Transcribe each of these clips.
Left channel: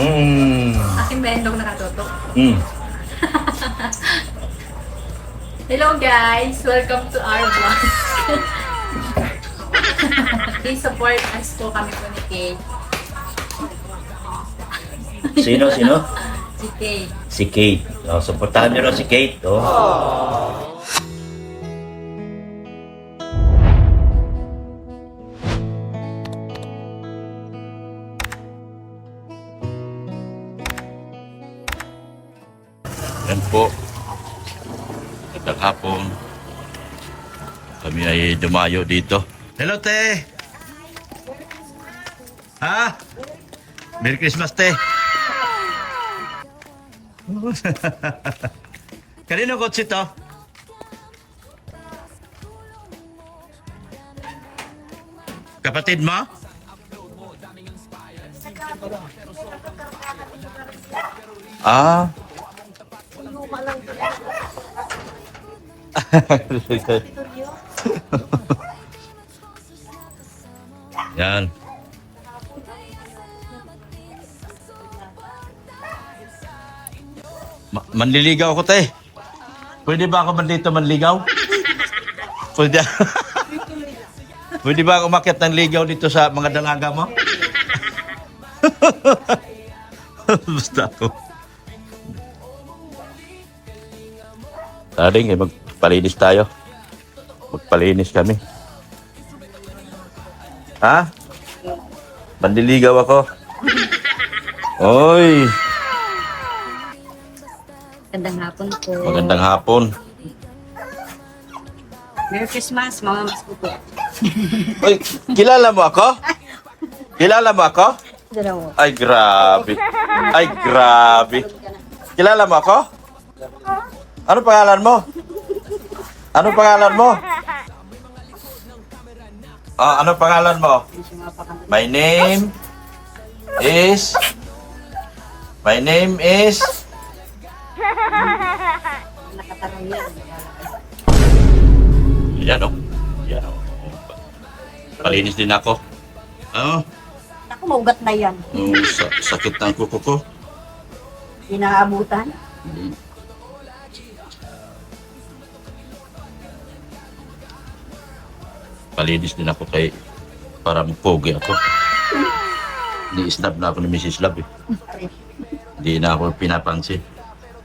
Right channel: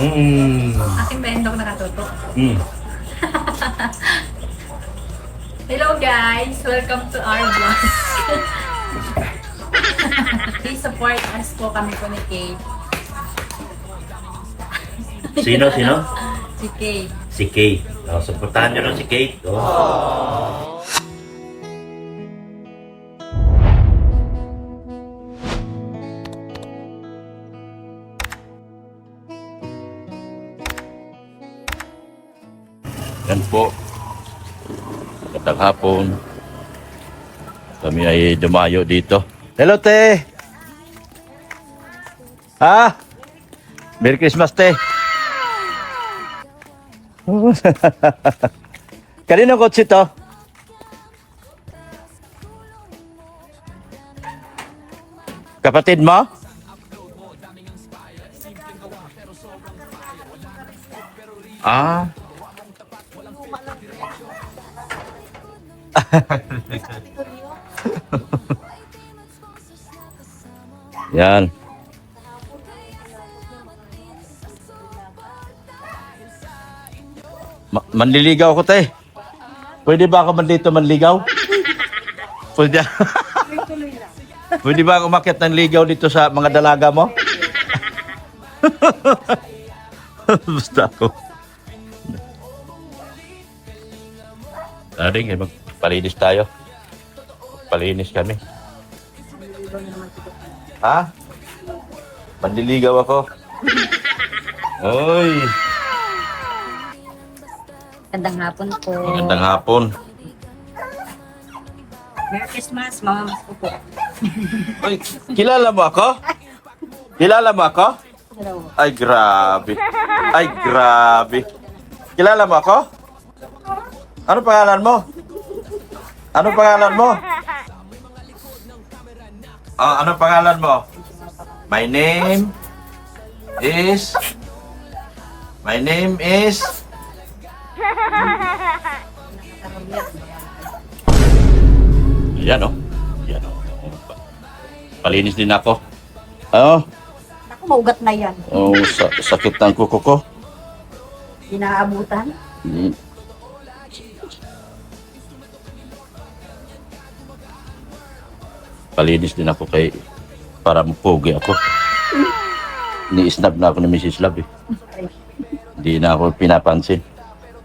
Aking bendong nakatutok. Mm. Hello guys! Welcome to our vlog. Please support us po kami po ni Kate. Sino? Si Kate. Si Kate. Oh, supportahan niyo na si Kate. Oh. Yan po. Magandang hapon. Kami ay dumayo dito. Hello, te. Ha? Merry Christmas, te. Kanino kotse to? Kapatid mo? Ah. Yan. Manliligaw ko, te. Pwede ba ako dito manligaw? Pwede. Pwede ba ako umakyat ng ligaw dito sa mga dalaga mo? Basta ako. Aling, magpalinis tayo. Magpalinis kami. Ha? Manliligaw ako. Oy. Magandang hapon po. Magandang hapon. Merry Christmas, Mama Mas po po. Oy, kilala mo ako? Kilala mo ako? Dalawa. Ay, grabe. Ay, grabe. Kilala mo ako? Ano pangalan mo? Ano pangalan mo? Ano pangalan mo? My name is... Yan o. Yan o. Palinis din ako. Oo. Ako, maugat na yan. Oh, sakit ng kuko ko. Inaabutan. Hmm. Palinis din ako para mapogi ako. Ni-snap na ako ni Mrs. Love eh. Hindi na ako pinapansin.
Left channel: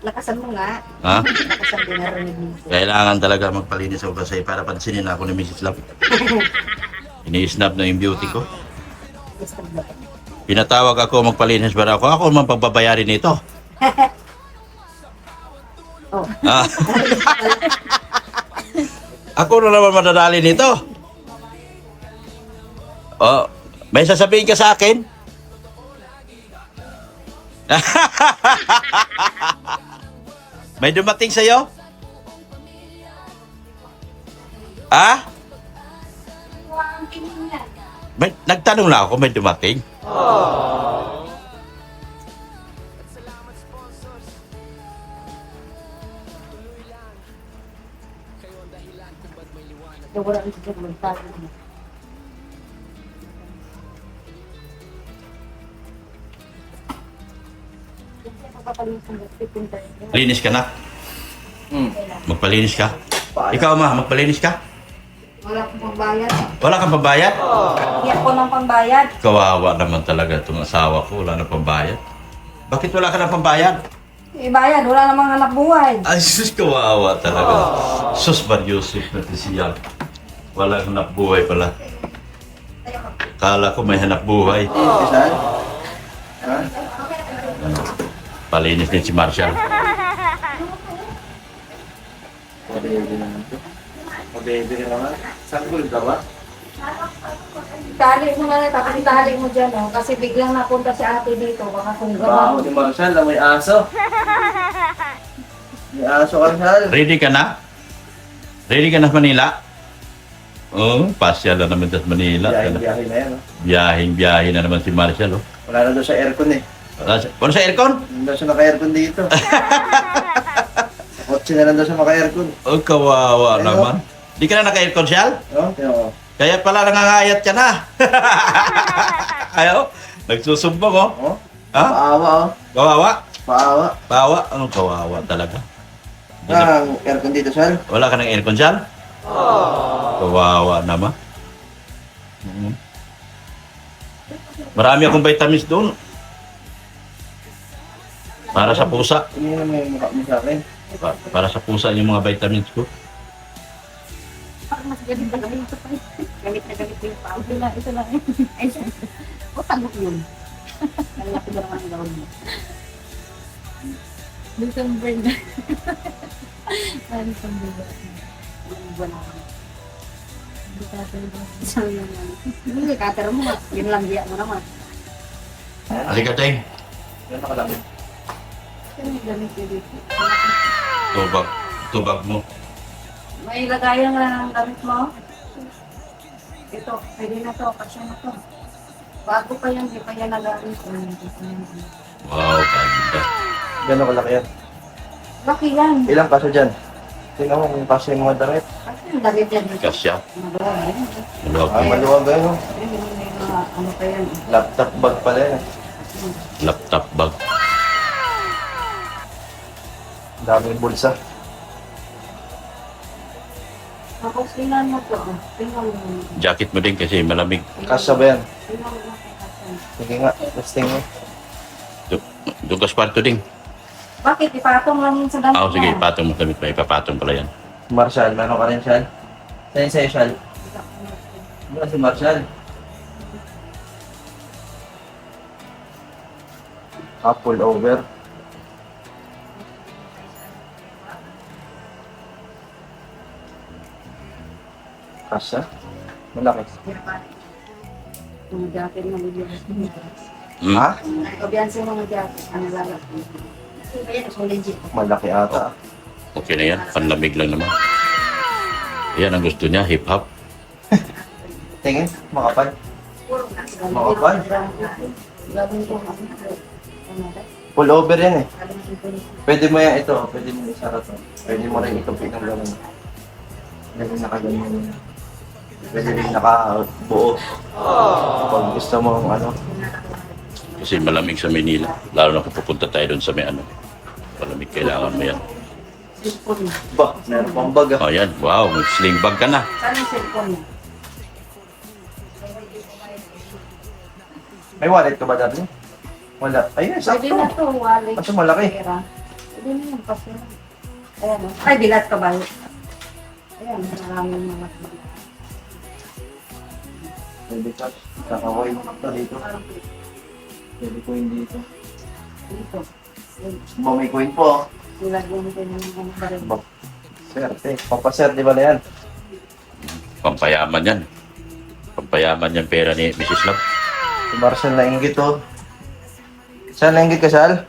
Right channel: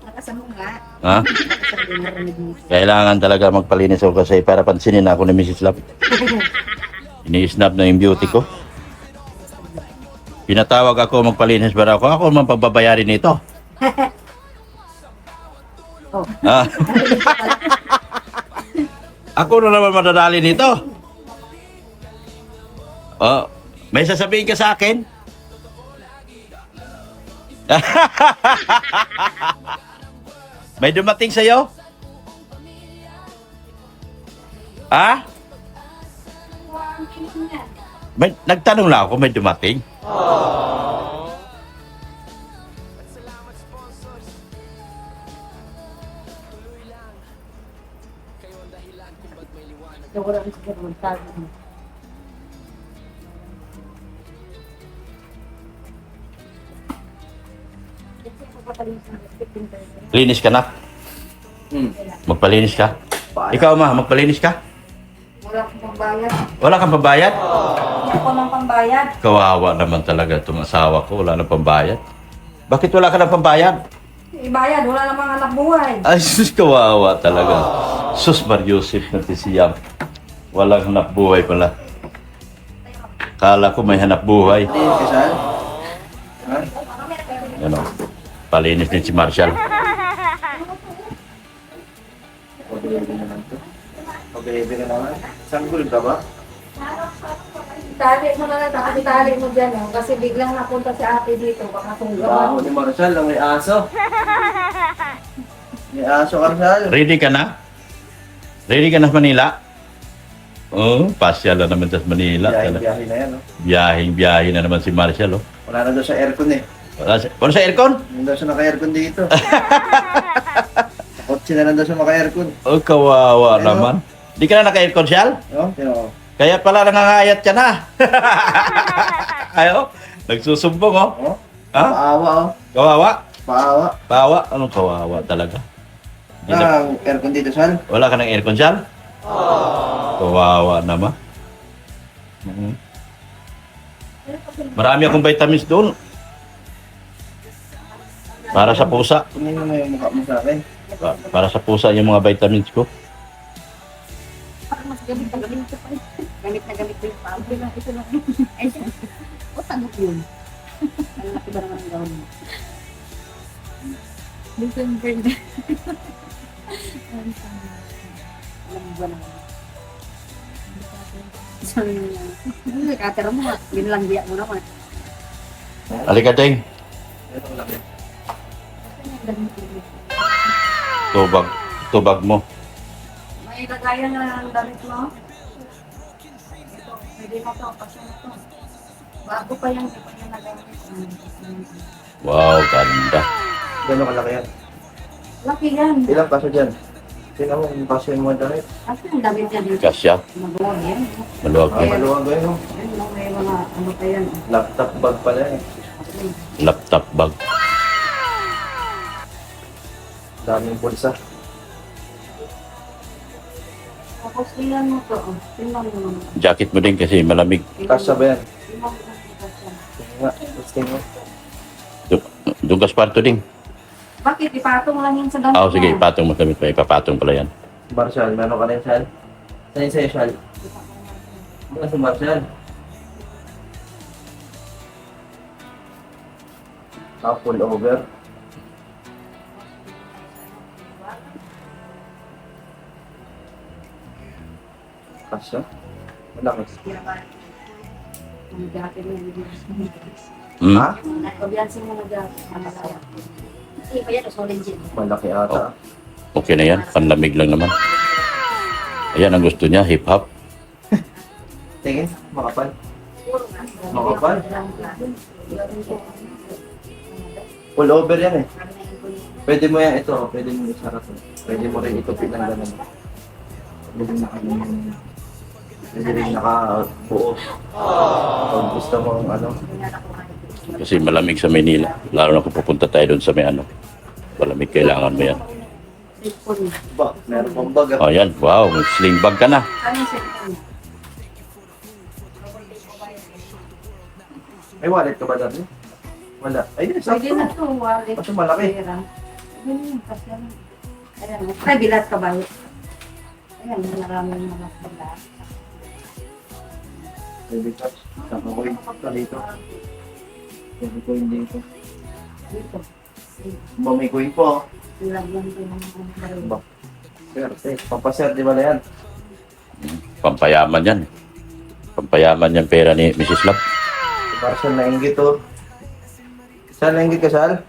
Lakasan mo nga. Ha? Lakasan mo narinig mo. Kailangan talaga magpalinis ako kasi para pansinin ako ni Mrs. Love. Ini-snap na yung beauty ko. Pinatawag ako magpalinis para ako naman pagbabayarin nito. Oh. Ah. Ako na naman madadali nito. Oh, may sasabihin ka sa akin? May dumating sa'yo? Ah? Nagtanong lang ako, may dumating? Wala ang siguro magtago mo. Linis ka na? Magpalinis ka? Ikaw ma, magpalinis ka? Wala akong pambayad. Wala kang pambayad? Hindi ako ng pambayad. Kawawa naman talaga itong asawa ko, wala na pambayad. Bakit wala ka ng pambayad? Bayad, wala namang anak buhay. Ay, sus, kawawa talaga. Sus, Mariusip na siyang. Walang hanap buhay pala. Kala ko may hanap buhay. Ano? Palinis din si Marshall. Pag-baby ka naman. Sanggol ka ba? Itali mo na lang, tapos itali mo dyan. Kasi biglang napunta si ate dito. Baka kung Baho ni Marshall, may aso. May aso ka, Marshall. Ready ka na? Ready ka na sa Manila? Oo, pasyal na naman sa Manila. Biyahe na yan, no? Biyahing-biyahe na naman si Marshall, oh. Wala na daw sa aircon eh. Wala sa aircon? Hindi daw siya naka-aircon dito. Sa kotse na lang daw siya maka-aircon. Oh, kawawa Ano? naman. Di ka na naka-aircon, Shal? No? Tiyan mo. Kaya pala nangangayat ka na. Ayo, nagsusumbong, oh. Oh? Ha? Paawa, oh. Kawawa? Paawa. Kawawa? Anong kawawa talaga? Hindi na- Ang aircon dito, Sal. Wala ka ng aircon dyan? Kawawa naman. Mhm. Marami akong vitamins doon. Para sa pusa. Tingnan mo yung mukha mo sa akin. Para sa pusa yung mga vitamins ko. Parang mas gamit na gamit ito pa rin. Gamit na gamit ko yung pao. Ito lang. Ay, o tagok yun. Lalaki ba naman ang gawin mo? December na. December na. Ilang buwan na ako. Sabi yung ano. Kater mo nga. Ginlangbiya mo naman. Halika, Deng. Yan ako lang. Ano yung gamit ko dito? Tubag mo. May lagayan na ng damit mo. Ito, pwede na to, kasi na to. Bago pa yan, di pa yan nagamit. Wow, ganda. Gano'n kalaki yan. Laki yan. Ilang kaso dyan? Tingnan mo kung kaso yung mga damit. Kasi ang damit yan dito. Kasya. Maluwag yan. Maluwag Ay, yan. maluwag ganyan, oh. Ayun, may mga ano pa yan. Laptop bag pala yan. Laptop bag. Daming bulsa. Tapos tingnan mo to. Tingnan mo. Jacket mo din kasi malamig. Kasya ba yan? Tingnan mo natin kasi. Sige nga, let's tingnan. Doon ka sa kwarto, Ding. Bakit? Ipatong lang yun sa damit Ah, sige, mo. ipatong mo sa may ipapatong pala yan. Marshall, meron ka rin, Shal? Saan sa'yo, Shal? Ano si Marshall? Pull over. Kasya? Malaki. Mga jacket na bigyan. Hmm? Ha? Obiyansin mga jacket. Ano ba yan? Hindi pa yan. Solid yun. Malaki ata. Okay na yan. Panlamig lang naman. Ayan ang gusto niya, hip-hop. Tingin, makapal. Makapal. Pull over yan eh. Pwede mo yan ito, pwede mo isara to. Pwede mo rin itupin ng gano'n. Pwede nakaganyan. Pwede rin nakabuo. Kung gusto mo ano. Kasi malamig sa Manila. Lalo na kung pupunta tayo doon sa may ano. Malamig, kailangan mo yan. Cellphone. Ba, meron pang bag. Oh, yan. Wow, may sling bag ka na. Saan yung cellphone niya? May wallet ka ba dati? Wala. Ayun, Pwede sakto. na to, wallet. Kaso malaki. Pera. Pwede na yan, pasya lang. Ayan, no? Ay, bilat ka ba? Ayan, maraming mga bilat. Pwede ka. Naka-coin. Ito dito. Pwede coin dito. Dito. Ba, may coin po. Ilagyan ko ng mga baril. Ba, swerte. Papasir, di ba na yan? Pampayaman yan. Pampayaman yan pera ni Mrs. Love. Si Marshall nainggit oh. Saan nainggit ka, Sal?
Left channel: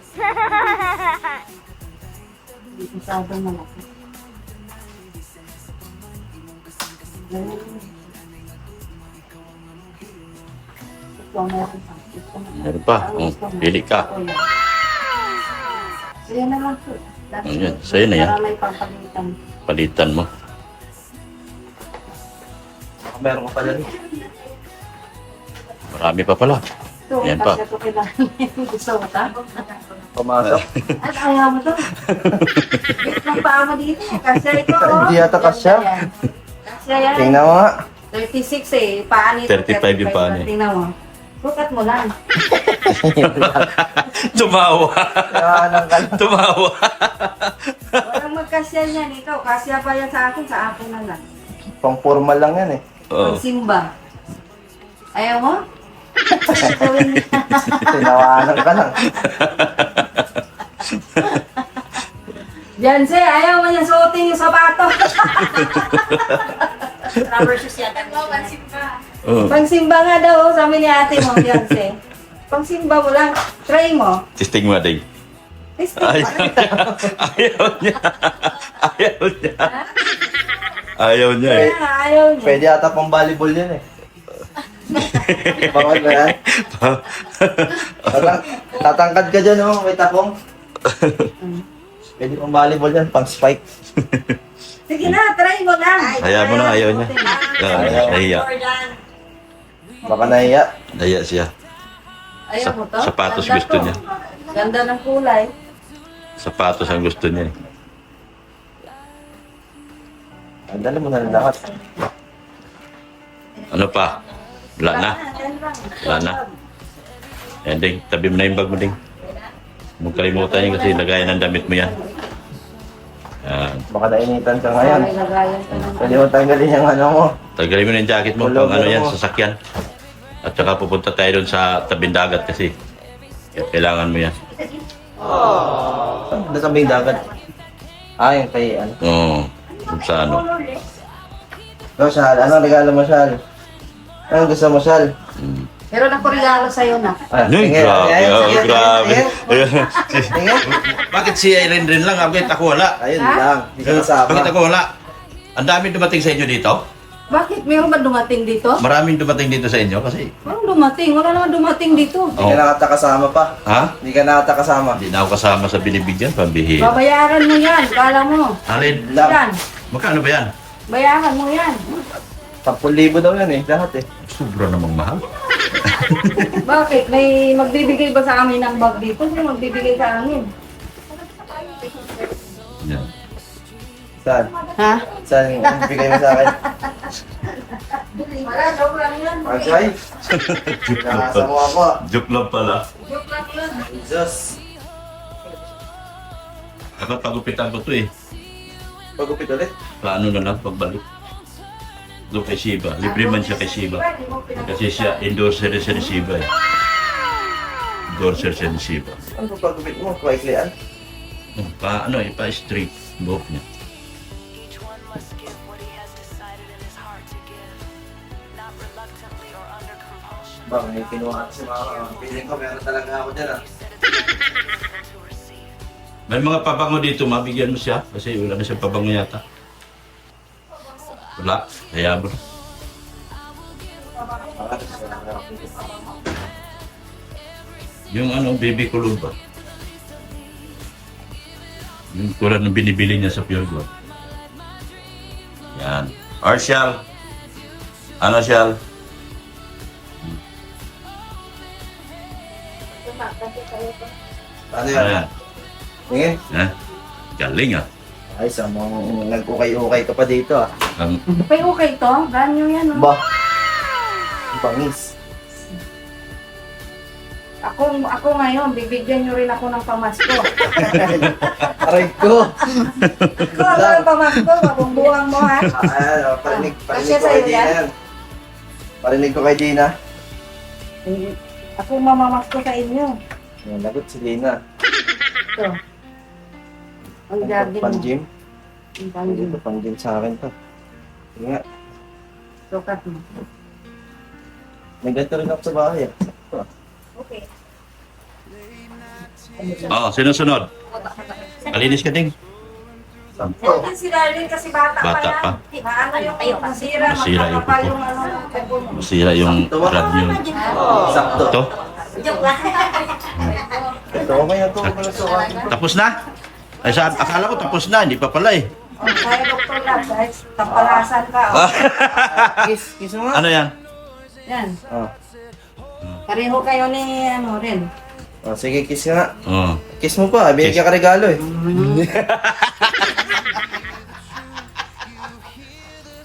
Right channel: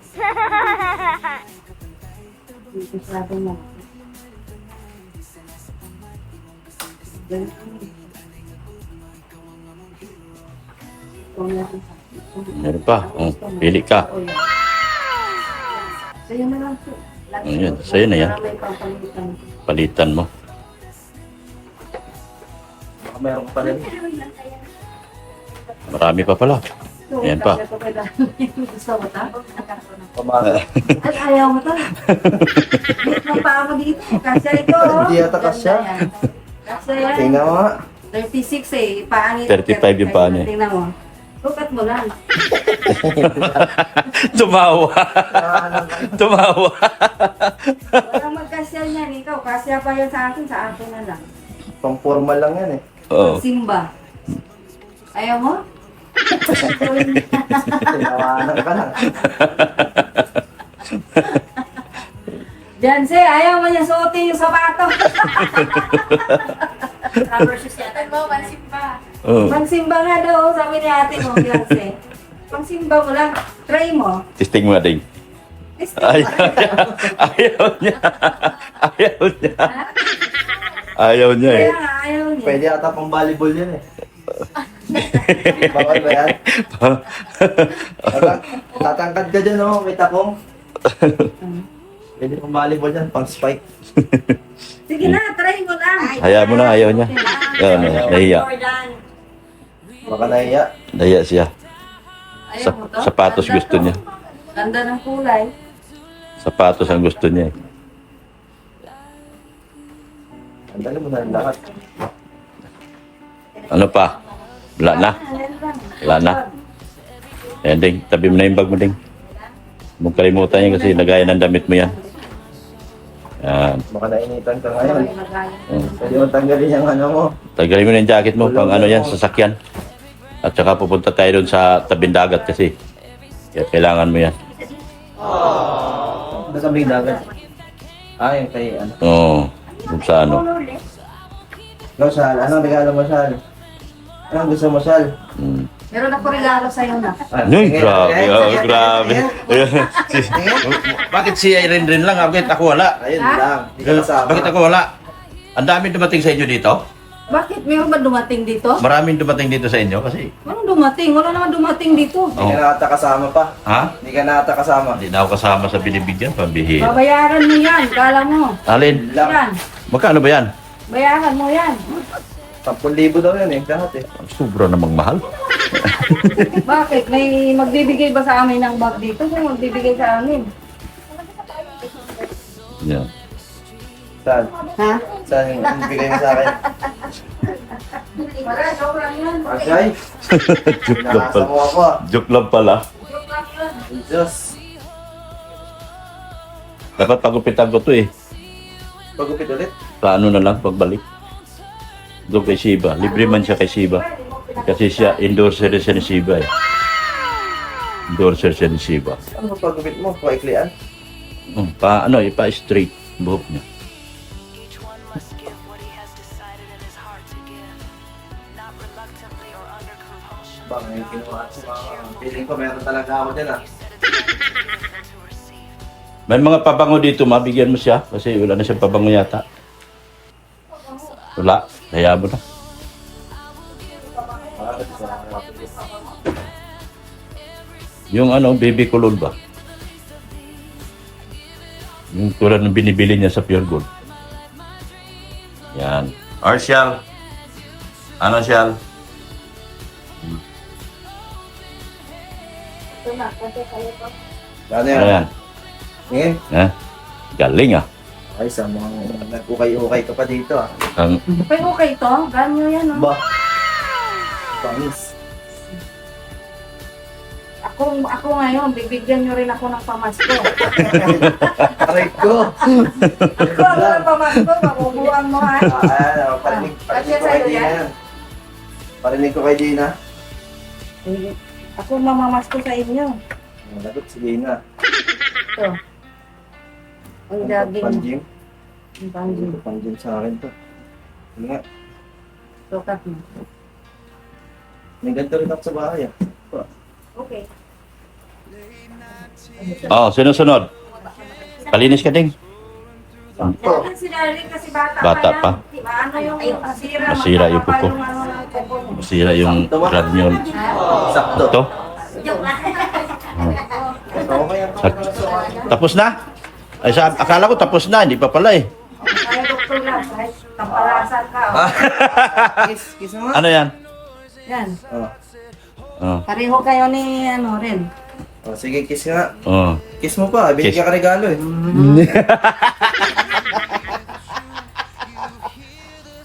Isadong malaki. Ganun. Ito meron pa. Ito meron. Meron pa. Oh, pili ka. Sa'yo na lang po. Ayan, sa'yo na yan. Para may pampalitan. Palitan mo. Meron ko pala. Marami pa pala. Ito, Ayan pa. kasi ito kailangan. Gusto mo ta? Pumasok. Ay, ayaw mo to. Ang paa mo dito. Kasya ito, oh. Hindi yata kasya. Kasya yan. Tingnan mo nga. 36 eh. Paa nito. 35 yung paa niya. Tingnan mo. Sukat mo lang. Tumawa. Tumawa. Walang magkasya niyan. Ikaw, kasya pa yan sa akin na lang. Pang formal lang yan eh. Oo. Simba. Ayaw mo? Tinawanan ka lang. Janse, ayaw mo niya suotin yung sapato. Rubber shoes yata. Mo, pansin pa. Oo. Pangsimba nga daw, sabi ni ate mo, Janse. Pangsimba mo lang. Try mo. Testing mo, Ding. Testing. Ayaw niya. Ayaw niya. Ayaw niya. Ayaw niya eh. Kaya nga, ayaw niya. Pwede ata pang volleyball yan eh. Bawal ba yan? Tatangkad ka dyan oh, may takong. Pwede pang volleyball yan, pang spike. Sige na, try mo lang. Ayaw mo na, ayaw niya. Ayaw niya. Nahiya. Baka nahiya. Nahiya siya. Ayaw mo to? Sapatos Ganda gusto to. niya. Ganda ng kulay. Sapatos ang gusto niya. Ang dala mo na lang lahat. Ano pa? Wala na. Wala na. Ayan din, tabi mo na yung bag mo din. Huwag kalimutan niya kasi lagay ng damit mo yan. Yan. Baka nainitan ka ngayon. Ay, lagayan ko ng Pwede mo tanggalin yung ano mo. Tagalin mo na yung jacket mo pang ano yan, sasakyan. At saka pupunta tayo doon sa tabing dagat kasi. Kaya kailangan mo yan. Doon sa may dagat. Yung kay ano. Oo. Doon sa ano. Ikaw, Sal, anong regalo mo, Sal? Anong gusto mo, Sal? Mm. Meron ako regalo sa'yo na. Ay, grabe. Oh, grabe. Bakit si Irene rin lang? Bakit ako wala? Ayun Ha? lang. Di ka kasama. Bakit ako wala? Ang dami dumating sa inyo dito? Bakit? Meron ba dumating dito? Maraming dumating dito sa inyo kasi. Walang dumating. Wala naman dumating dito. Hindi ka nakata kasama pa. Ha? Hindi ka nakata kasama. Hindi na ako kasama sa binibigyan. Pambihira. Babayaran mo yan. Kala mo. Alin? Yan. Magkano ba yan? Bayaran mo yan. 10,000 daw yan lahat Sobra namang mahal. Bakit? May magbibigay ba sa amin ng bag dito? Kung magbibigay sa amin. Yan. Saan? Ha? Saan yung bibigay mo sa akin? Wala, joke lang yan. Agay? Joke lang Nakasa pala. mo ako. Joke lang pala. Jesus. Dapat pagupitan ko to eh. Pagupit ulit. Sa ano na lang pagbalik. Doon kay Shiba. Libre man siya kay Shiba. Kasi siya, endorser siya ni Shiba eh. Endorser siya ni Shiba. Ano pagupit mo? Paiklian? Pa-straight buhok niya. Each one must give what he has decided in his heart to give, not reluctantly or under compulsion. Baka may kinuha siya. Piling ko meron talaga ako dyan You said it's better to give than to receive. May mga pabango dito, mabigyan mo siya. Kasi wala na siyang pabango yata. Wala. Kaya mo na. Yung baby kulon ba? Yung tulad ng binibili niya sa Pure Gold. Yan. Or Shal. Ano Shal? Ano yan? Ayan. Tingin? Galing ah. Ay, sa mga nag-ukay-ukay ka pa dito ah. Ang Okay to. Ganyo yan. Oh. Ba? Bangis. Ako ngayon, bibigyan nyo rin ako ng pamasko. Aray ko! Ako ang pamasko. Mabubuang mo ha. Parinig Kasya ko kay sa'yo Gina yan? yan. Parinig ko kay Gina. Ako mamamasko sa inyo. Yung lagot si Gina. Ito. Ang jogging. Pang-gym. Ang pang-gym. Ito, pang-gym sa akin to. Sige nga. Sukat mo. May ganito rin ako sa bahay ah. Ito ah. Okay. sinusunod. Palinis ka ding. Yan si Darlene kasi bata, Bata pa. Paano yung masira? Masira yung magpapal kuko. yung ano ng kuko. Masira yung rad niyo. Sakto. Ito. Ito, okay na to. Tapos na? Ay, akala ko tapos na. Hindi pa pala eh. Kaya doktor lang, kahit tampalasan ka. Kiss mo nga. Ano yan? Yan. Oh. Oh. Pareho kayo ni ano rin. Oh, sige, kiss nga. Oh. Kiss mo pa, binigyan ka regalo eh.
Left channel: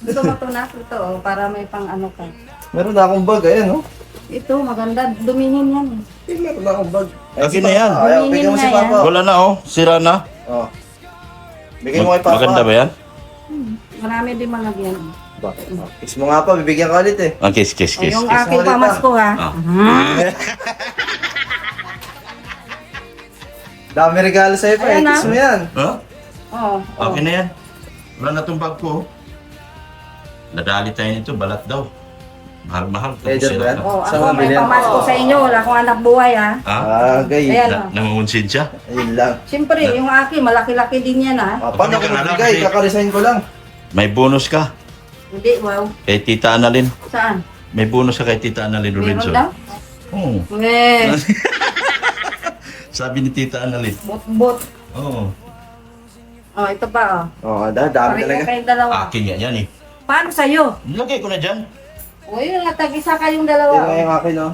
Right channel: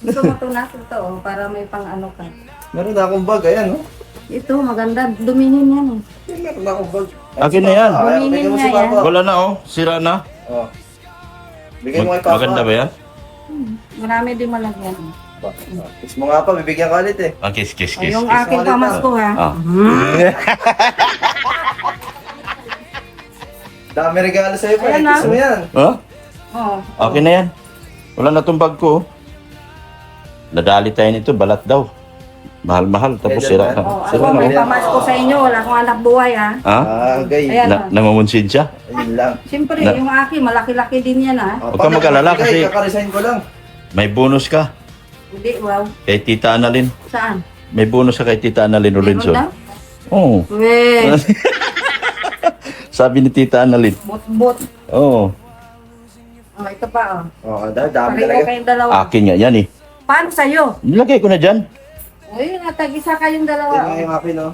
Gusto mo ito na ito para may pang ano ka. Meron na akong bag, ayan oh. Ito, maganda. Dumingin yan. Meron na akong bag. Akin na yan. Ayaw, bigyan mo si Dumingin nga Papa. Wala na oh. Sira na. Oh. Bigyan mo kay Papa. Maganda ba yan? Marami din malagyan. Kiss mo nga pa, bibigyan ka ulit eh. Ang kiss. O, yung kiss aking mo ulit, pamasko ha. Ah. Dami regalo sa'yo pa, Ayan, kiss ah. mo yan. Huh? Oh, Akin na yan. Wala na itong bag ko. oh. Nadali tayo nito, balat daw. Mahal-mahal, tapos Eh, sira diba? pa. Oh, ako may pamasko sa inyo. Wala akong anak buhay ha. Ha? Okay. Ayan. Nangungunsin siya? Ayun lang. Siyempre, yung aking malaki-laki din yan ha. Ah, Huwag kang mag-alala kasi- Kakaresign ko lang. May bonus ka. Hindi, wow. Kay Tita Annalyn. Saan? May bonus ka kay Tita Annalyn Meron Lorenzo. daw? Oo. Weh, Sabi ni Tita Annalyn. bot-bot. Oo. Oh, ito pa oh. Oo, dami Pareho talaga. kayong dalawa. Akin nga yan eh. Paano sa'yo? Nilagay ko na dyan. O yun, tag-isa kayong Yan dalawa. nga yung akin oh.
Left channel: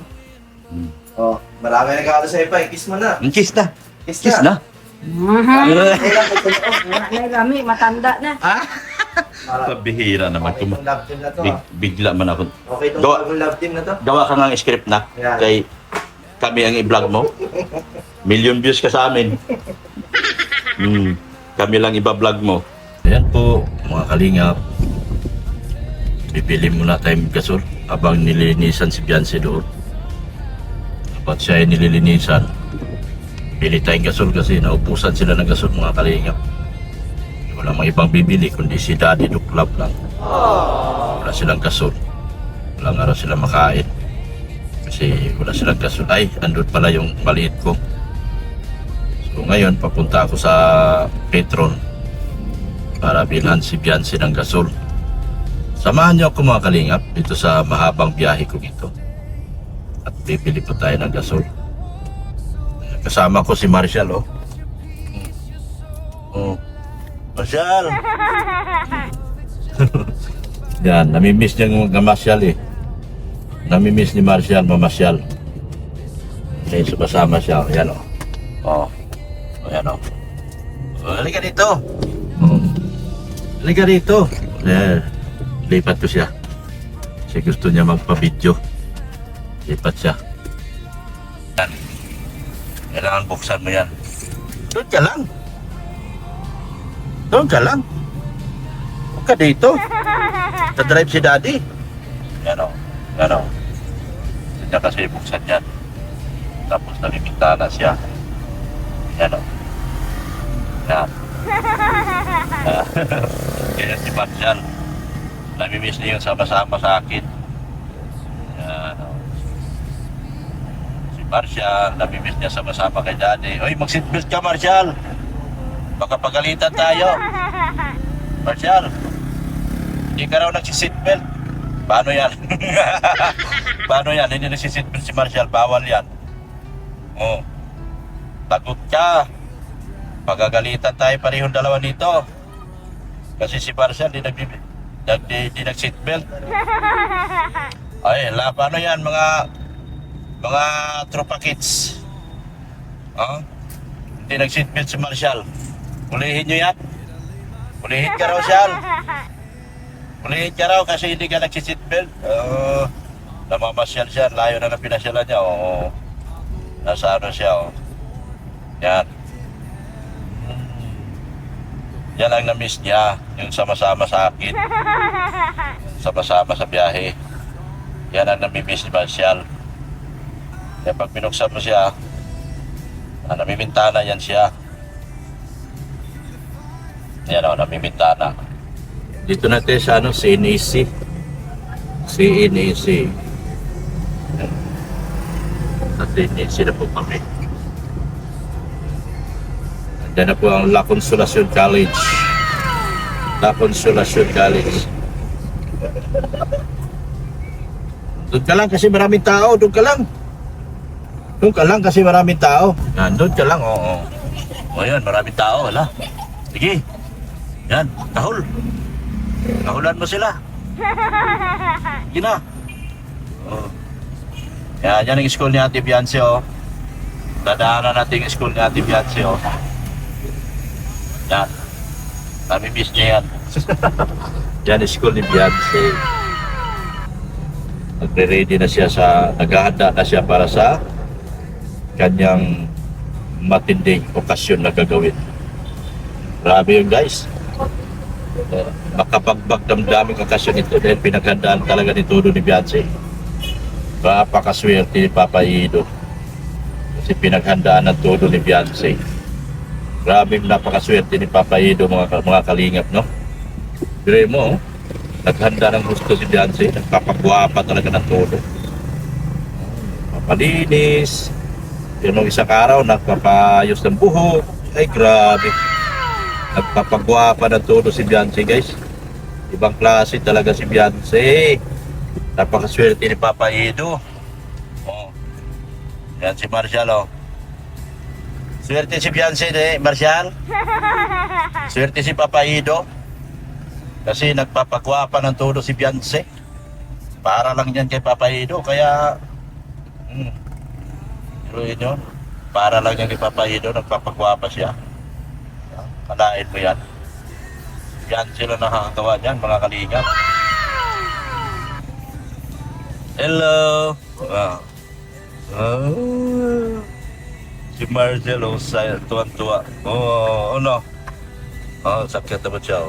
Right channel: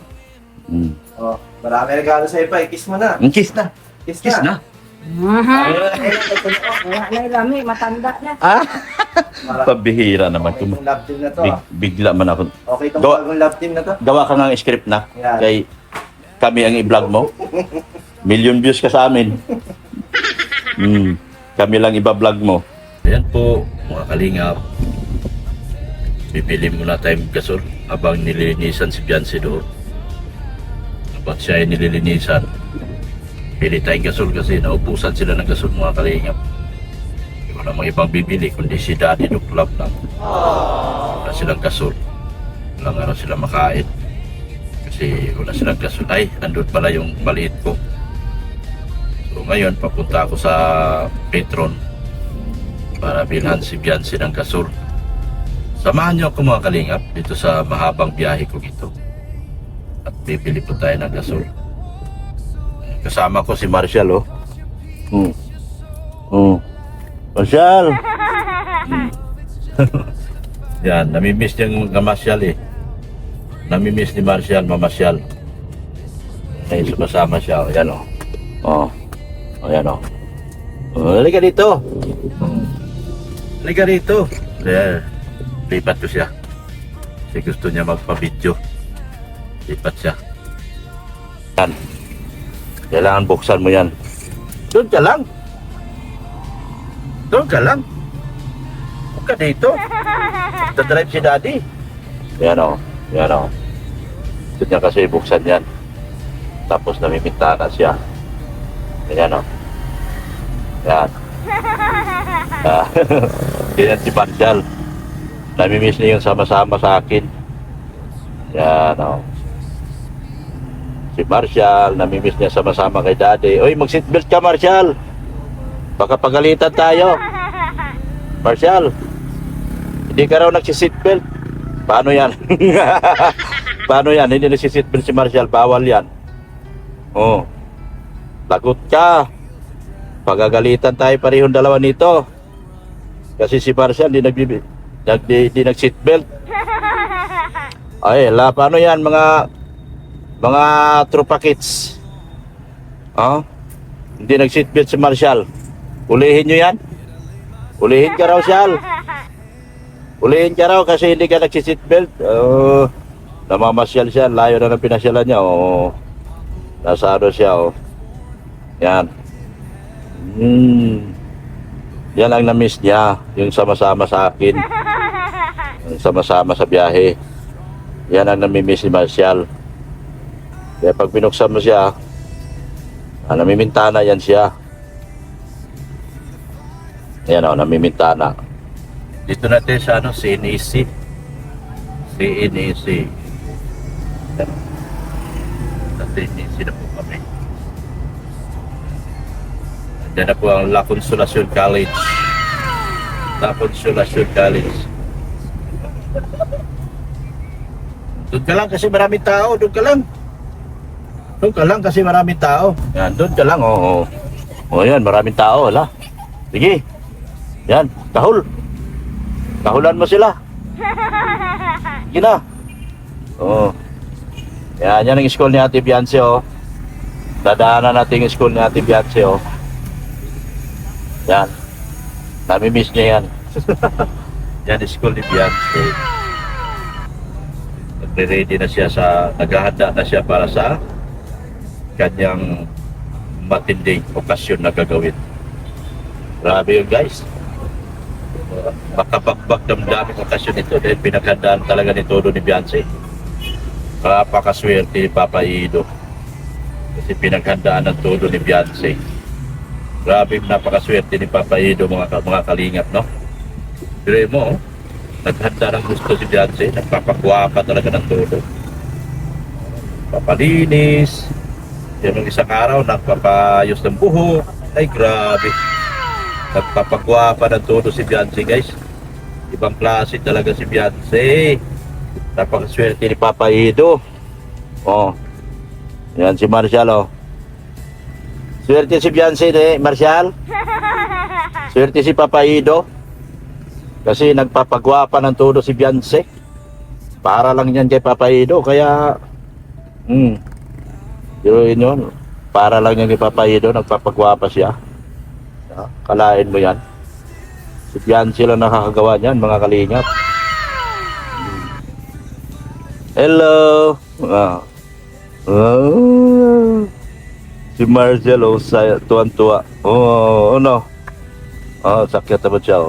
Hmm. Oh, marami regalo sa'yo pa. Kiss mo na. Kiss na. Kiss Kiss na. na. Wala na yung lami, matanda na. Ah? Pabihira naman. Love team na to. Bigla man ako. Okay itong Gawa- bagong love team na to. Gawa ka nga ng script na. Yan. Kay kami ang i-vlog mo. Million views ka sa amin. Kami lang iba-vlog mo. Ayan po, mga kalingap. Bibili muna tayong gasol habang nililinisan si Beyonce doon. Kapag siya ay nililinisan, bili tayong gasol kasi naupusan sila ng gasol, mga kalingap. Wala mga ibang bibili kundi si Daddy Duklab lang. Wala silang gasol. Walang araw sila makain. Kasi wala silang gasol. Ay, andun pala yung maliit ko. So ngayon, papunta ako sa Petron para bilhan si Beyonce ng gasol. Samahan niyo ako, mga kalingap, dito sa mahabang biyahe ko dito. At bibili po tayo ng gasol. Kasama ko si Marshall, oh. Marshall! Yan, namimiss niya yung mga Marshall, eh. Namimiss ni Marshall, mamasyal. Ngayon, sumasama siya, oh. Yan, oh. Ayan, oh. Halika dito. Halika dito. Ayan. Lipat ko siya. Kasi gusto niya magpa-video. Lipat siya. Yan. Kailangan buksan mo yan. Doon ka lang. Doon ka lang. Huwag ka dito. Tadrive si Daddy. Yan o. Yan o. Gusto niya kasi buksan yan. Tapos namimintana siya. Yan o. Yan. Yan si Marshall. Namimiss niya yung sama-sama sa akin. Yan o. Si Marshall, namimiss niya sama-sama kay Daddy. Uy, mag-seatbelt ka, Marshall. Baka pagalitan tayo. Marshall, hindi ka raw nagsiseatbelt. Paano yan? Paano yan? Hindi nagsiseatbelt si Marshall. Bawal yan. Oh. Lagot ka. Pagagalitan tayo parehong dalawa nito. Kasi si Marshall hindi nag-seatbelt. Ay, paano yan mga tropa kids? Oh? Hindi nag-seatbelt si Marshall. Ulihin nyo yan. Ulihin ka raw, Shal. Ulihin ka raw kasi hindi ka nag-seatbelt. Namamasyal siya. Layo na ng pinasyalan niya. Nasa ano siya. Yan. Yan ang na-miss niya. Yung sama-sama sa akin. Yung sama-sama sa biyahe. Yan ang nami-miss ni Marshall. Kaya pag binuksan mo siya, namimintana yan siya. Ayan o, namimintana. Dito natin sa CNEC. CNEC. Ayan. Sa CNEC na po kami. Diyan na po ang La Consolacion College. La Consolacion College. Doon ka lang kasi maraming tao. Doon ka lang. Doon ka lang kasi maraming tao. Yan, doon ka lang. Oo. Yan, maraming tao. Hala. Sige. Yan, tahol. Tahulan mo sila. Sige na. Oo. Yan ang school ni Ate Beyonce, oh. Dadaanan natin yung school ni Ate Beyonce, oh. Yan. Nami-miss niya yan. Yan ang school ni Beyonce. Nagre-ready na siya naghahanda na siya para sa kanyang matinding okasyon na gagawin. Grabe yun, guys. Makapagbag damdaming okasyon ito dahil pinaghandaan talaga ni todo ni Beyonce. Napakaswerte ni Papa Ido kasi pinaghandaan ng todo ni Beyonce. Grabe, napakaswerte ni Papa Ido, mga kalingap, no? Dire mo, naghanda ng gusto si Beyonce, nagpapagwapa talaga ng todo. Papalinis. Yun nung isang araw, nagpapayos ng buhok. Ay, grabe. Nagpapagwapa ng todo si Beyonce, guys. Ibang klase talaga si Beyonce. Napakaswerte ni Papa Ido. Yan si Marshall, oh. Swerte si Beyonce, Marshall. Swerte si Papa Ido. Kasi nagpapagwapa ng todo si Beyonce. Para lang yan kay Papa Ido. Kaya, Pero yun, para lang yung ipapaido, nagpapagwapa siya. Kalain mo yan. Si Fiancé lang nakakagawa niyan, mga kalingap. Hello! Si Marcel, tuwan-tuwa. Ano? Sakit na ba siya?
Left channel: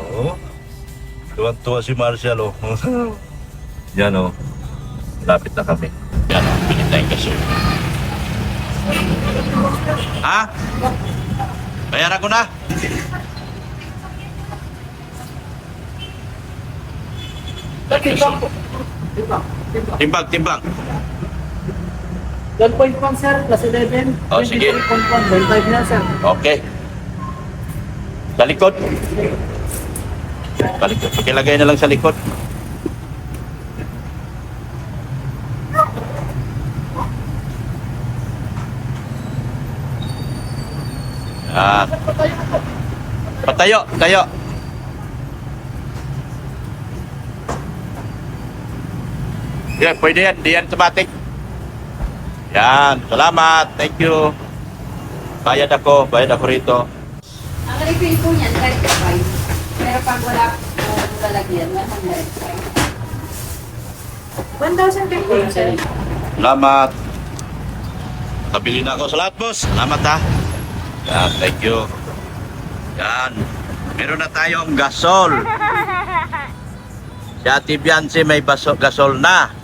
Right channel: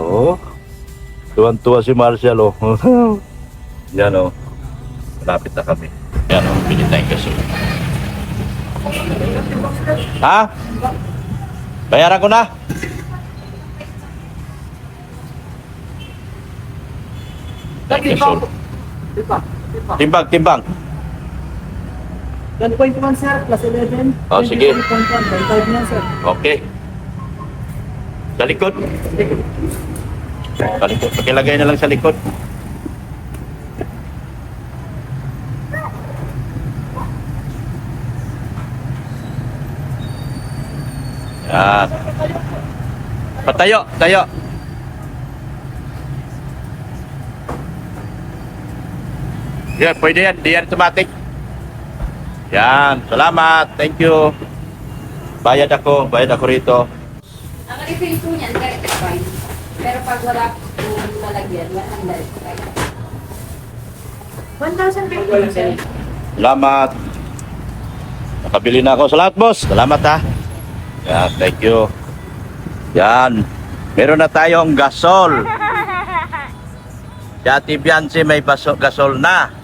Tuwan-tuwa si Marcel, Yan, Lapit na kami. Yan, pinit na yung gasol. Ha? Bayaran ko na. Timbang. 1.1 sir, plus 11. Oh, sige. 25 na sir. Okay. Sa likod. Pakilagay na lang sa likod. Yan. Tayo. Yan, pwede yan. Di yan automatic. Yan. Salamat. Thank you. Bayad ako rito. Ang refill po niyan, 35. Pero pag wala kong lalagyan, 105. 1,050 sir. Salamat. Nakabili na ako. Salamat, boss. Salamat, ha. Yan, thank you. Yan. Meron na tayong gasol. Si Ate Fiancé may gasol na.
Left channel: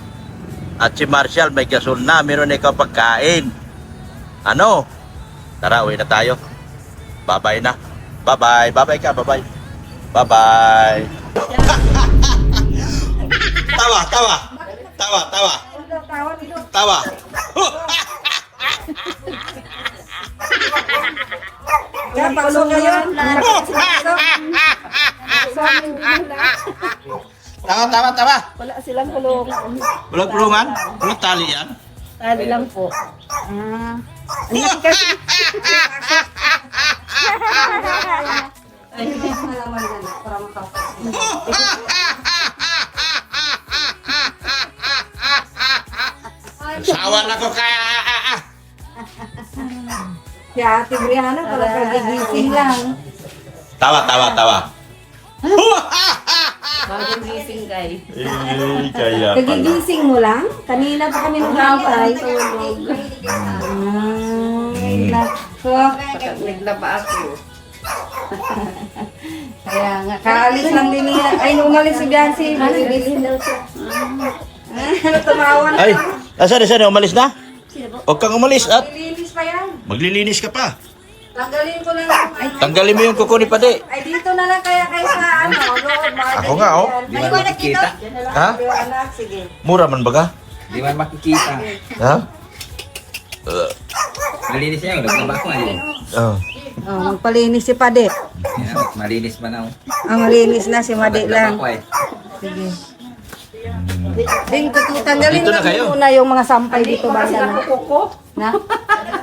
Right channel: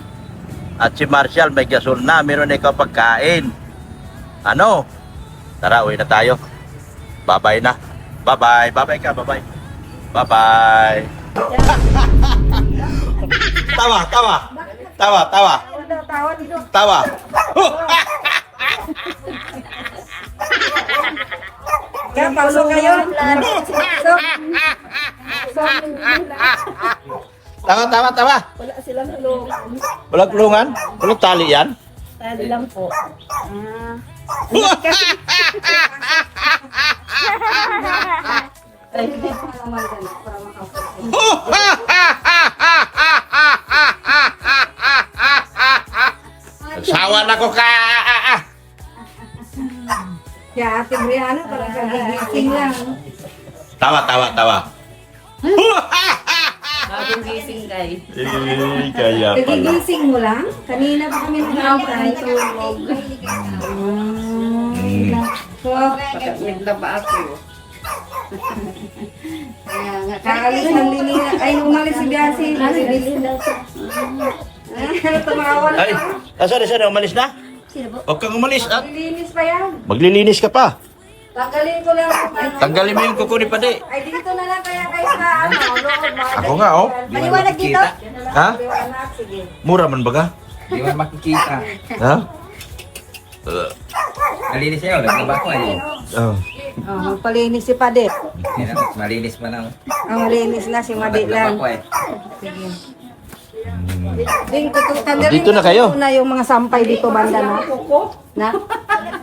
At si Marshall may gasol na. Meron na ikaw pagkain. Ano? Tara, uwi na tayo. Bye-bye na. Bye-bye. Bye-bye ka. Bye-bye. Bye-bye. Tawa. Yan, pasok na yan. Tawa. Wala silang kulong. Walang kulungan? Walang tali yan? Tali lang po. Ay, hindi ko naman. Sawa na ko ka. Kaya Ate Brianna, talaga gigising lang. Tawa. Bagong gising, guys. Kaya pala. Nagigising mo lang? Kanina pa kami nakakay. Tulog. So, Naglaba ako. kaya nga, kaalis ng linya. Ay, nung umalis si Biancy, nagigising daw siya. Ano, tumawa na. Ay, asan? Umalis na? Huwag kang umalis at Maglilinis pa yan. maglilinis ka pa. Tanggalin ko lang. Ay, Tanggalin mo yung kuko ni Pade. ay, dito na lang kaya kayo sa ano. Ako nga, Di man makikita. Ha? Anak, sige. Mura man baga? Di man makikita. Ha? Malinis niya, naglaba ko ngayon. Oh. Oh, palinis si Padet. Yan, malinis pa na. Ang malinis na si Madik Naglaba lang. ko Sige. Dito, tanggalin Dito na kayo. muna yung mga sampay dito ba na. Na?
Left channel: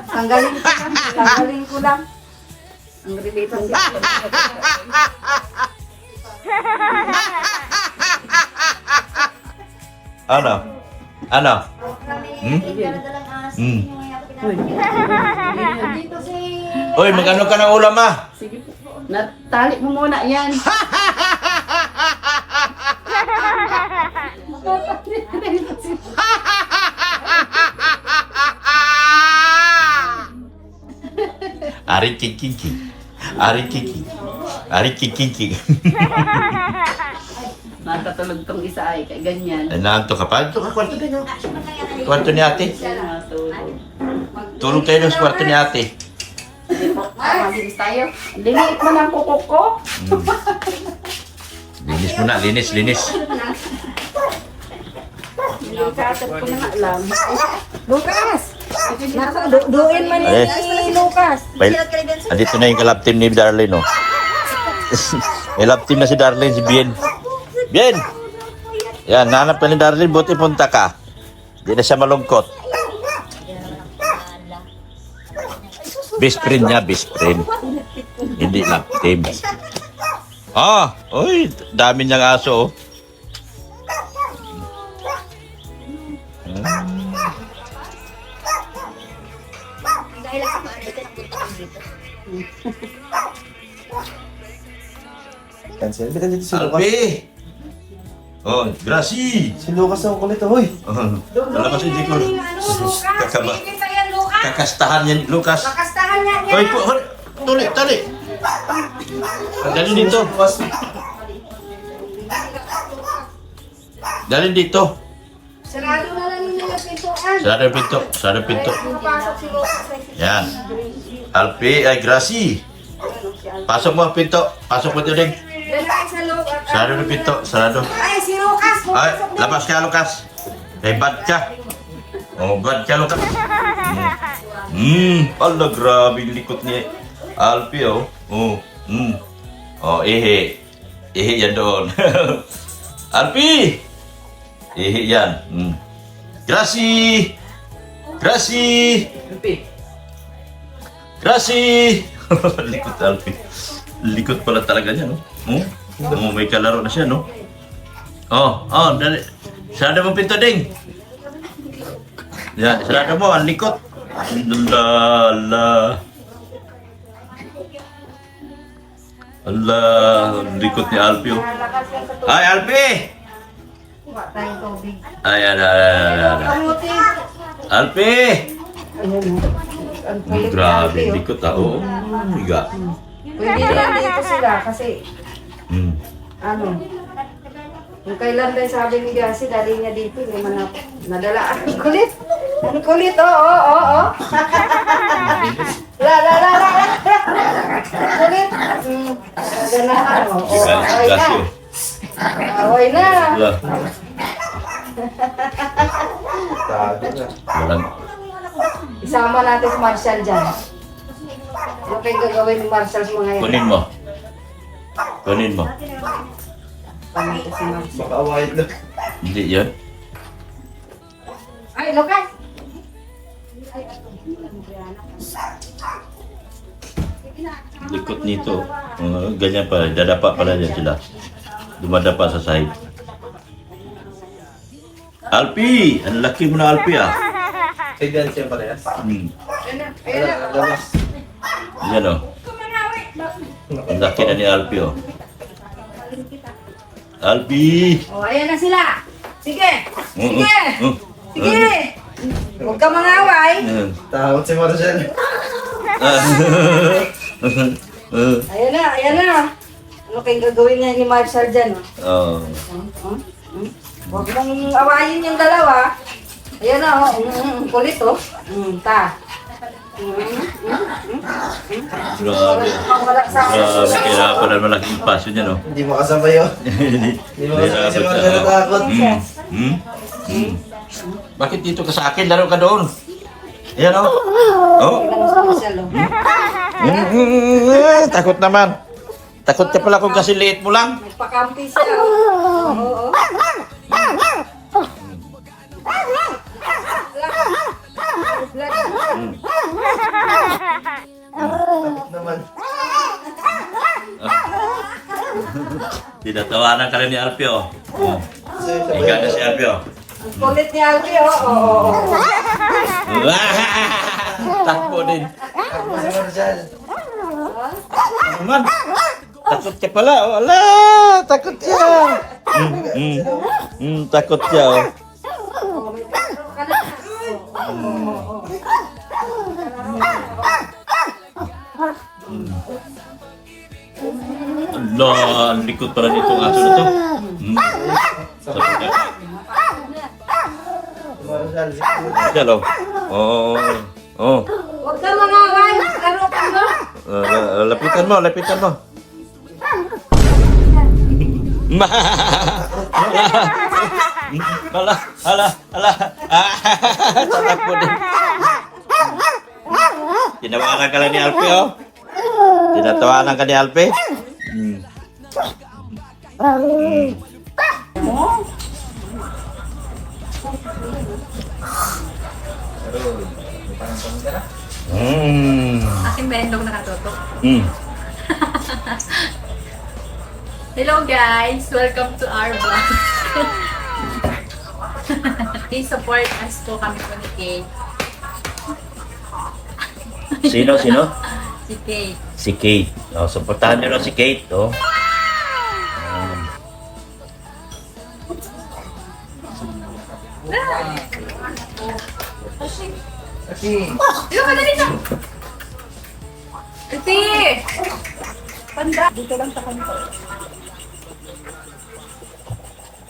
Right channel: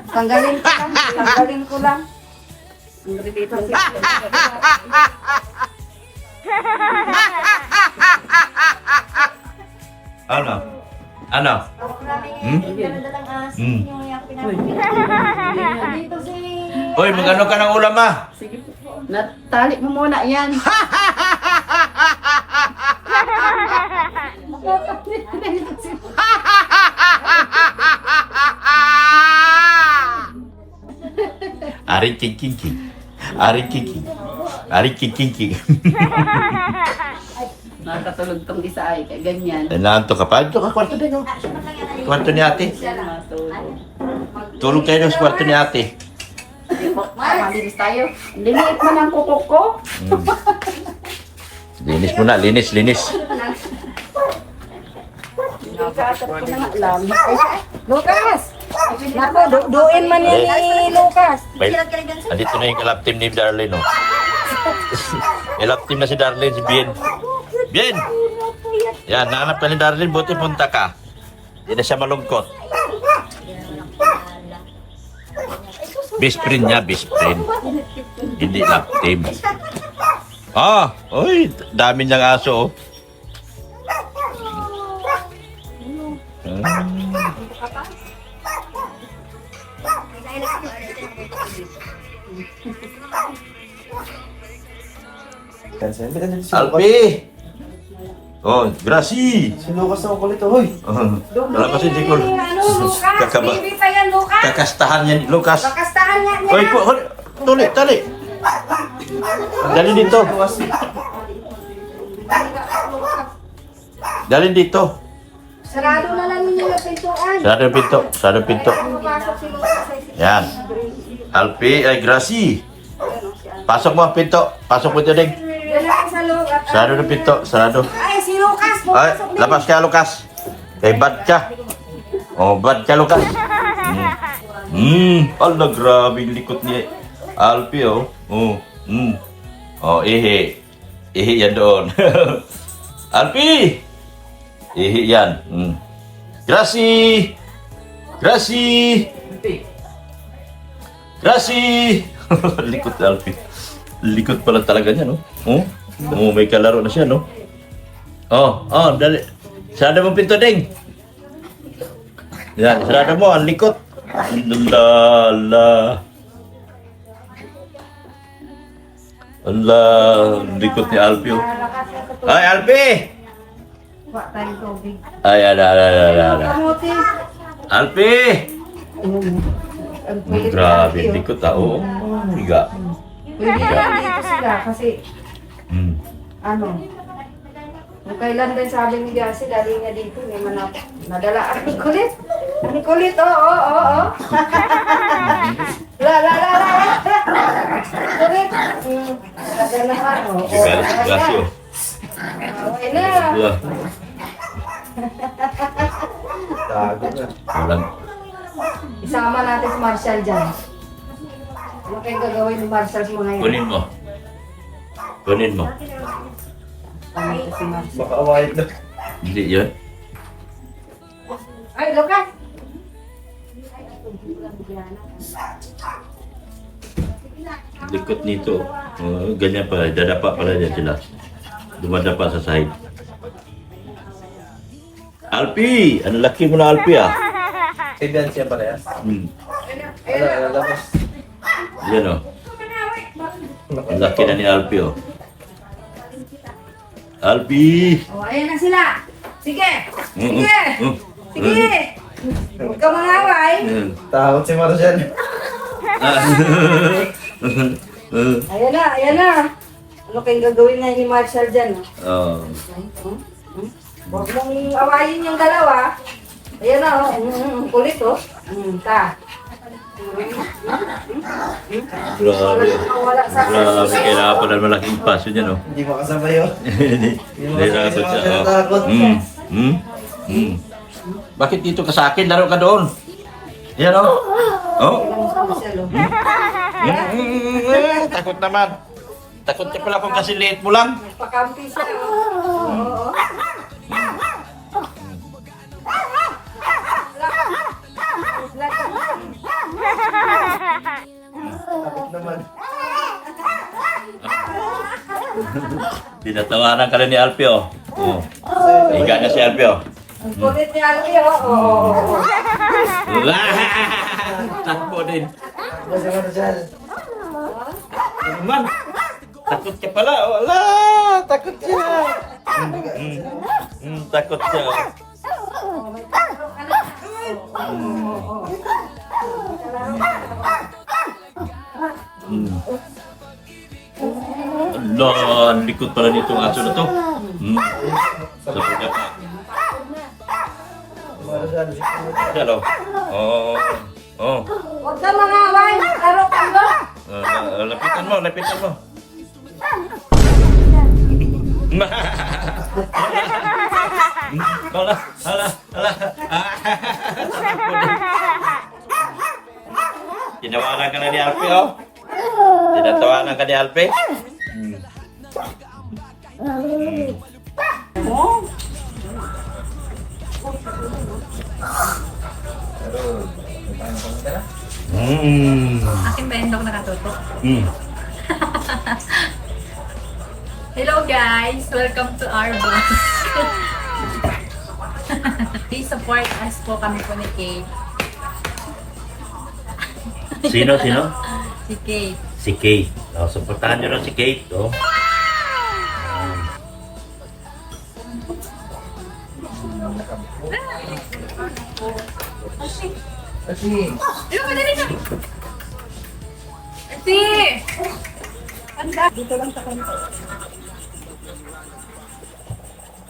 Tanggalin ko lang. Tanggalin ko lang. Ang relate ng Ano? Hoy, magano ka ng ulam Sige po. Natali mo muna yan. Aring king. Nakatulog tong isa ay kay ganyan. Nanto ka pa? Ito ka, kwarto din, Kwarto ni ate. Yan matulog. Tulog kayo sa kwarto ni ate. Hindi po. Malinis tayo. Liliit mo ng kukok ko. Linis mo na, linis. Lucas! Duin man Eh. ni Lucas. Andito na yung kalap team ni Darlene, no? May lap team na si Darlene, si Bien. Bien! Yan, nanap pa ni Darlene, buti punta ka. Hindi na siya malungkot. Best friend niya, best friend. Hindi lap team. Oy, dami niyang aso, Cancel. Bitan dito si Lucas. Alpi! Oh, Gracie! Si Lucas ang kulit, hoy. Wala kasi hindi ko kakaba. Baby pa yan, Lucas. Kakastahan yan, Lucas. Kakastahan niya niya. Oy, tuli, tali. Dali dito. Dali dito. Sarado na lang ninyo yung pintuan. Sarado yung pinto, sarado yung pinto. Pasok si Lucas ay Yan. Alpi, ay Gracie. Pasok mo ang pinto. Pasok mo ito, Ding. Diyan na kayo sa loob. at- Sarado yung pinto, sarado. Ay, si Lucas. Ay, labas ka, Lucas. Kay bad ka. Oh, bad ka, Lucas. Ala, grabe yung likot ni Alpi, oh. Oh, ihi. Ihi yan doon. Alpi! Ihi yan. Gracie! Gracie! Gracie! Likot Alpi. Likot pala talaga niya, no? Oh, may kalaro na siya, no? Oh, dali. Sarado mo pinto, Ding. Yan, sarado mo, ang likot. Lala. Allah, ang likot ni Alpi, oh. Ay, Alpi! Ba tayong tubig. Ay, ala. Kamuti. Alpi! Ang Grabe, ang likot, ah. Oo, higa. Pwede lang dito sila kasi Hmm. ano, kung kailan din sabi ni Garcia, dali niya dito, may madala. Ang kulit! Ang kulit, oo. La. Kulit! Madala, oo. Galit si Gracie, oh. Away na. Wala. Tago na. Walang. Isama natin si Marshall dyan. Ano kayo gagawin ni Marshall sa mga yan? Kunin mo. Kunin mo. Tama ko si Marshall. Baka awayit na. Hindi yun. Ay, Lucas! Likot nito. Ganyan pala. Dadapa pala yan sila. Dumadapa sa sahig. Alpi! Ang laki mo na, Alpi, ah. Tignan siya pala yan. Ayun na. Labas. Yan, oh. Ang laki na ni Alpi, oh. Alpi! Oh, ayan na sila. Sige. Mm, Sige. mm, Sige. Huwag ka mangaway. mm. Takot si Marcel. Ayan na. Ano kayong gagawin na ni Marshall dyan? Oh. Huwag mong awayin yung dalawa. Ayan na, oh. Kulit, oh. Ta. Grabe. Wala sa Grabe. Kailangan pala malaking paso niya, no? Hindi makasabay yun. Nahirapan Hindi mo siya. kasi natakot. Bakit dito ka sa akin? Laro ka doon. Ayan, oh. Oh. Takot naman. Takot ka pala kung kasi liit mo lang. Nagpakampi siya. Oo. Takot naman. Tinatawanan ka rin ni Alpi, oh. Oh. Higa na si Alpi, oh. Ang kulit ni Alfie, oh. Oo. Takbo din. Takbo si Marcel. Naman. Takot ka pala. Wala. Takot ka. Takot siya, oh. Allah, ang likod pala nitong aso na to. Sa pagkakak. Marcel. Yan, oh. Oh. Huwag ka mangaway. Laro ka mo. Lapitan mo, lapitan mo. Hala. Tinawagan ka lang ni Alpi, oh. Tinatawanan ka ni Alpi. Akin ba yung nakatutok? Mm. Hello guys! Welcome to our vlog. Please support us po kami po ni Kay. Sino? Si Si Kate. Si Kate. Oh, supportahan niyo rin si Kate, oh.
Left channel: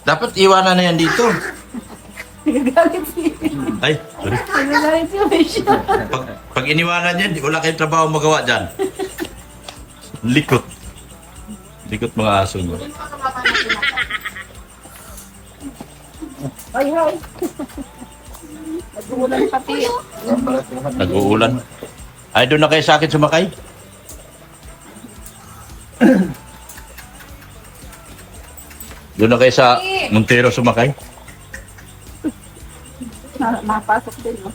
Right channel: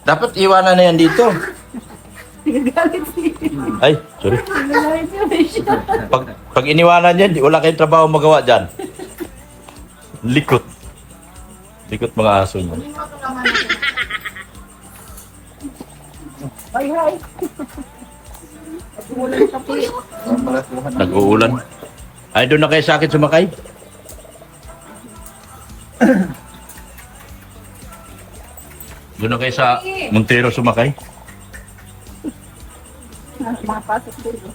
Dapat iwanan na yan dito. Nagagalit siya. Ay, sorry. Nagagalit siya. Pag iniwanan yan, wala kayong trabaho magawa dyan. Likot. Likot mga aso mo. Ay, ay. Nag-uulan pati. Nag-uulan. Ay, doon na kayo sa akin sumakay? Doon na kayo sa Montero sumakay? Mapasok din, no?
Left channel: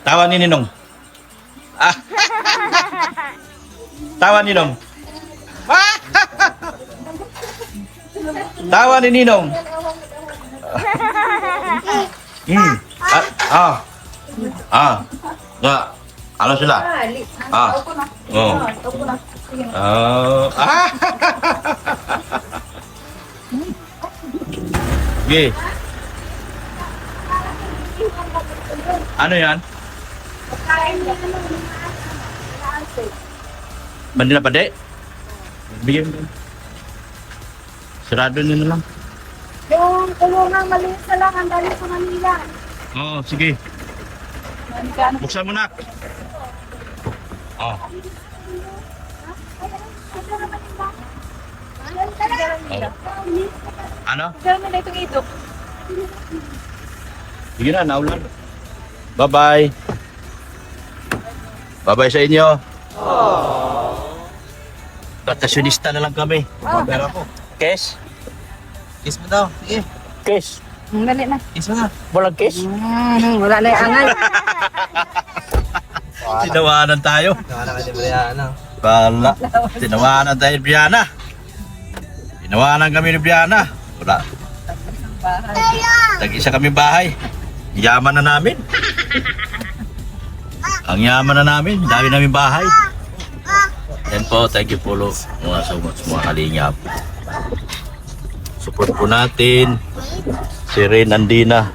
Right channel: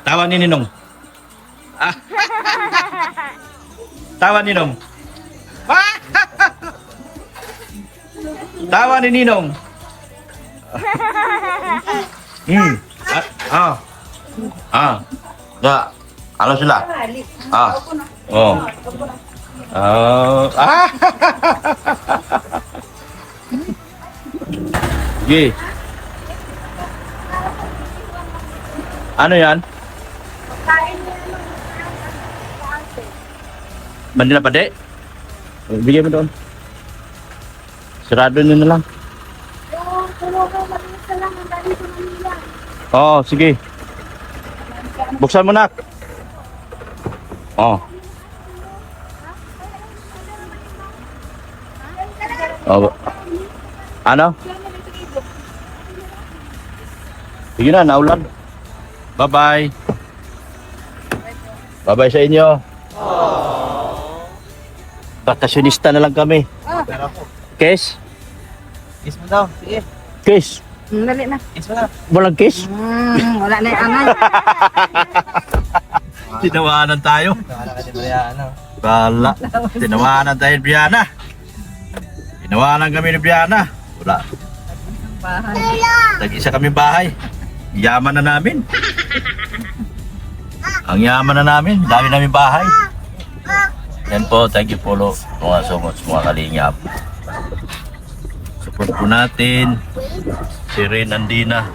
Tawa ni Ninong. Tawa ni Ninong. Tawa ni Ninong. Ya. Ano sila? Oh. Sige. Ano yan? Manila Pade? Bigyan mo doon. Sarado nyo na lang. Yung kulungang maliit na lang, ang dali sa Manila. Oo, sige. Buksan mo na. Oh. Oh. Ano? Pero nila itong idok. Sige na, naulan. Bye-bye. Bye-bye sa inyo. Bakasyonista na lang kami. Case? Kiss mo daw. Sige. Case? Dali na. Kiss mo na. Bulang case? Wala na yung angal. Tinawanan tayo. Wala ka ni Mariana. Bala. Tinawanan tayo ni Brianna. Tinawanan kami ni Brianna. Wala. Bahay. Tag-isa kami bahay. Yaman na namin. Ang yaman na namin. Dami namin bahay. Yan po. Thank you po so much mga kalingap. Support po natin si Rain Andina,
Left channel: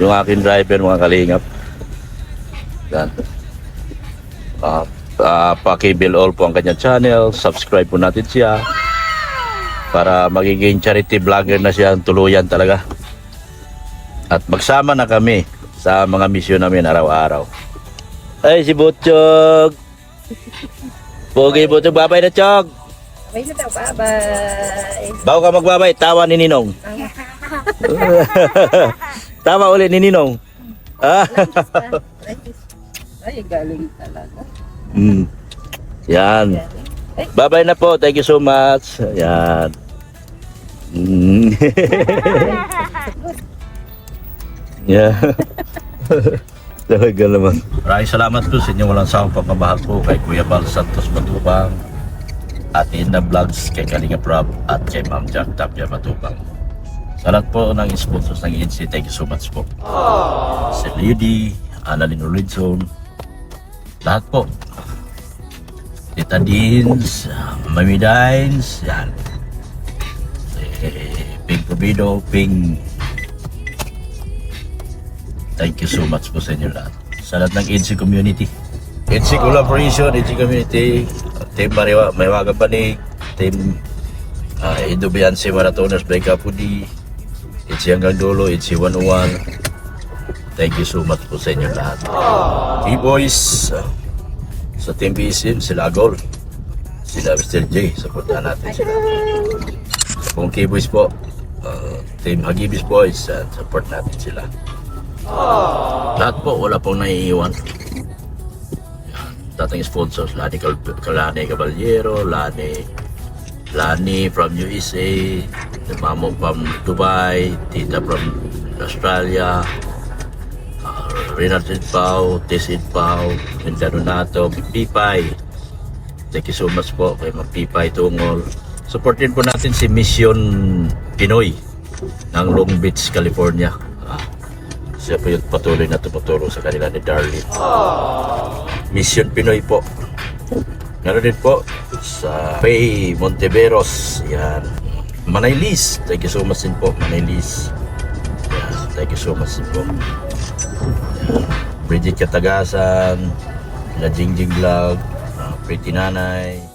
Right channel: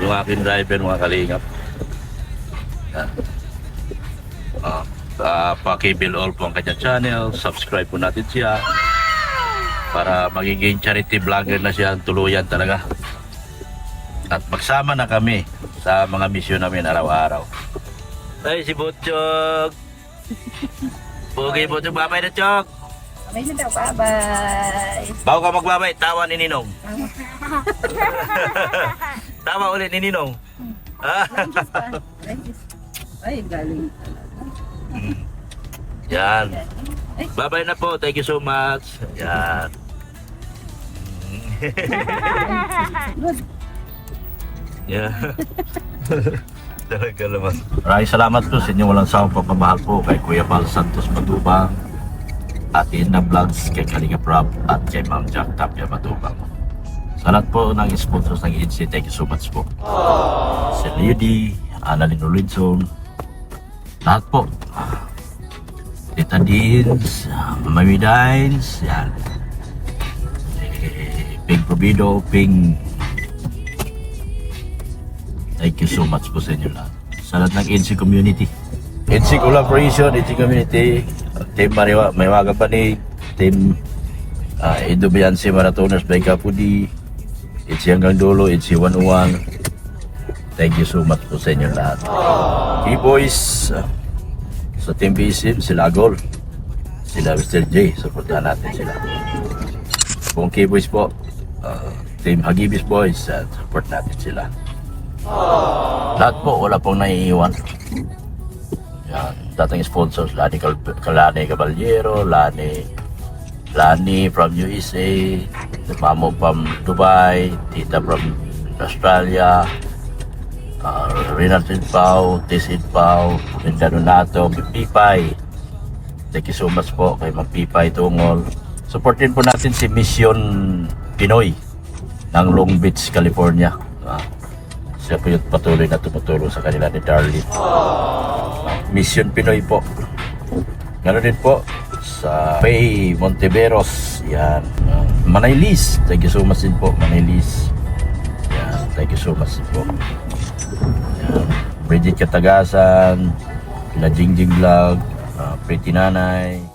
yung aking driver mga kalingap. Yan. Pakibil all po ang kanyang channel. Subscribe po natin siya para magiging charity vlogger na siya tuluyan talaga. At magsama na kami sa mga misyon namin araw-araw. Ay, si Butchog! Pogi Butchog, babay na Chog! Babay na daw, bye-bye. Bago ka magbabay, tawa ni Ninong. Tawa ulit ni Ninong. Ay, galing talaga. Yan. Bye-bye na po. Thank you so much. Yan. Yeah. Talaga naman. Maraming salamat po sa inyong walang sawang pagmamahal po kay Kuya Bal Santos Matubang, at Inna Vlogs, kay Kalinga Prab, at kay Ma'am Jack Tapia Matubang. Sa lahat po ng sponsors ng ENC, thank you so much po. Si Lady, Annalyn Rolidson, lahat po. Tita Deans, Mami Dines, yan. Ping Provido, Ping. Thank you so much po sa inyo lahat. Sa lahat ng ENC community. ENC collaboration, ENC community, Team Maywaga Panig, Team Indo Biansi Marathoners by Kapudi, ENC hanggang dulo, ENC 101. Thank you so much po sa inyo lahat. K-Boys, sa Team BSM, sila Agol, sila Mr. J, supportan natin sila. Kung K-Boys po, Team Hagibis Boys, support natin sila. Lahat po, wala pong naiiwan. Yan, dating sponsors, Lani Caballero, Lani from USA, the Mamo from Dubai, Tita from Australia, Renat Pao, Tis Pao, Mindano Nato, Pipay. Thank you so much po kay Mang Pipay Tungol. Supportin po natin si Mission Pinoy ng Long Beach, California. Siya po yung patuloy na tumuturo sa kanila ni Darlene. Mission Pinoy po. Ganoon din po sa Faye Monteveros. Yan. Manay Liz. Thank you so much din po, Manay Liz. Yan. Thank you so much din po. Yan. Bridget Katagasan, na Jingjing Vlog, Pretty Nanay,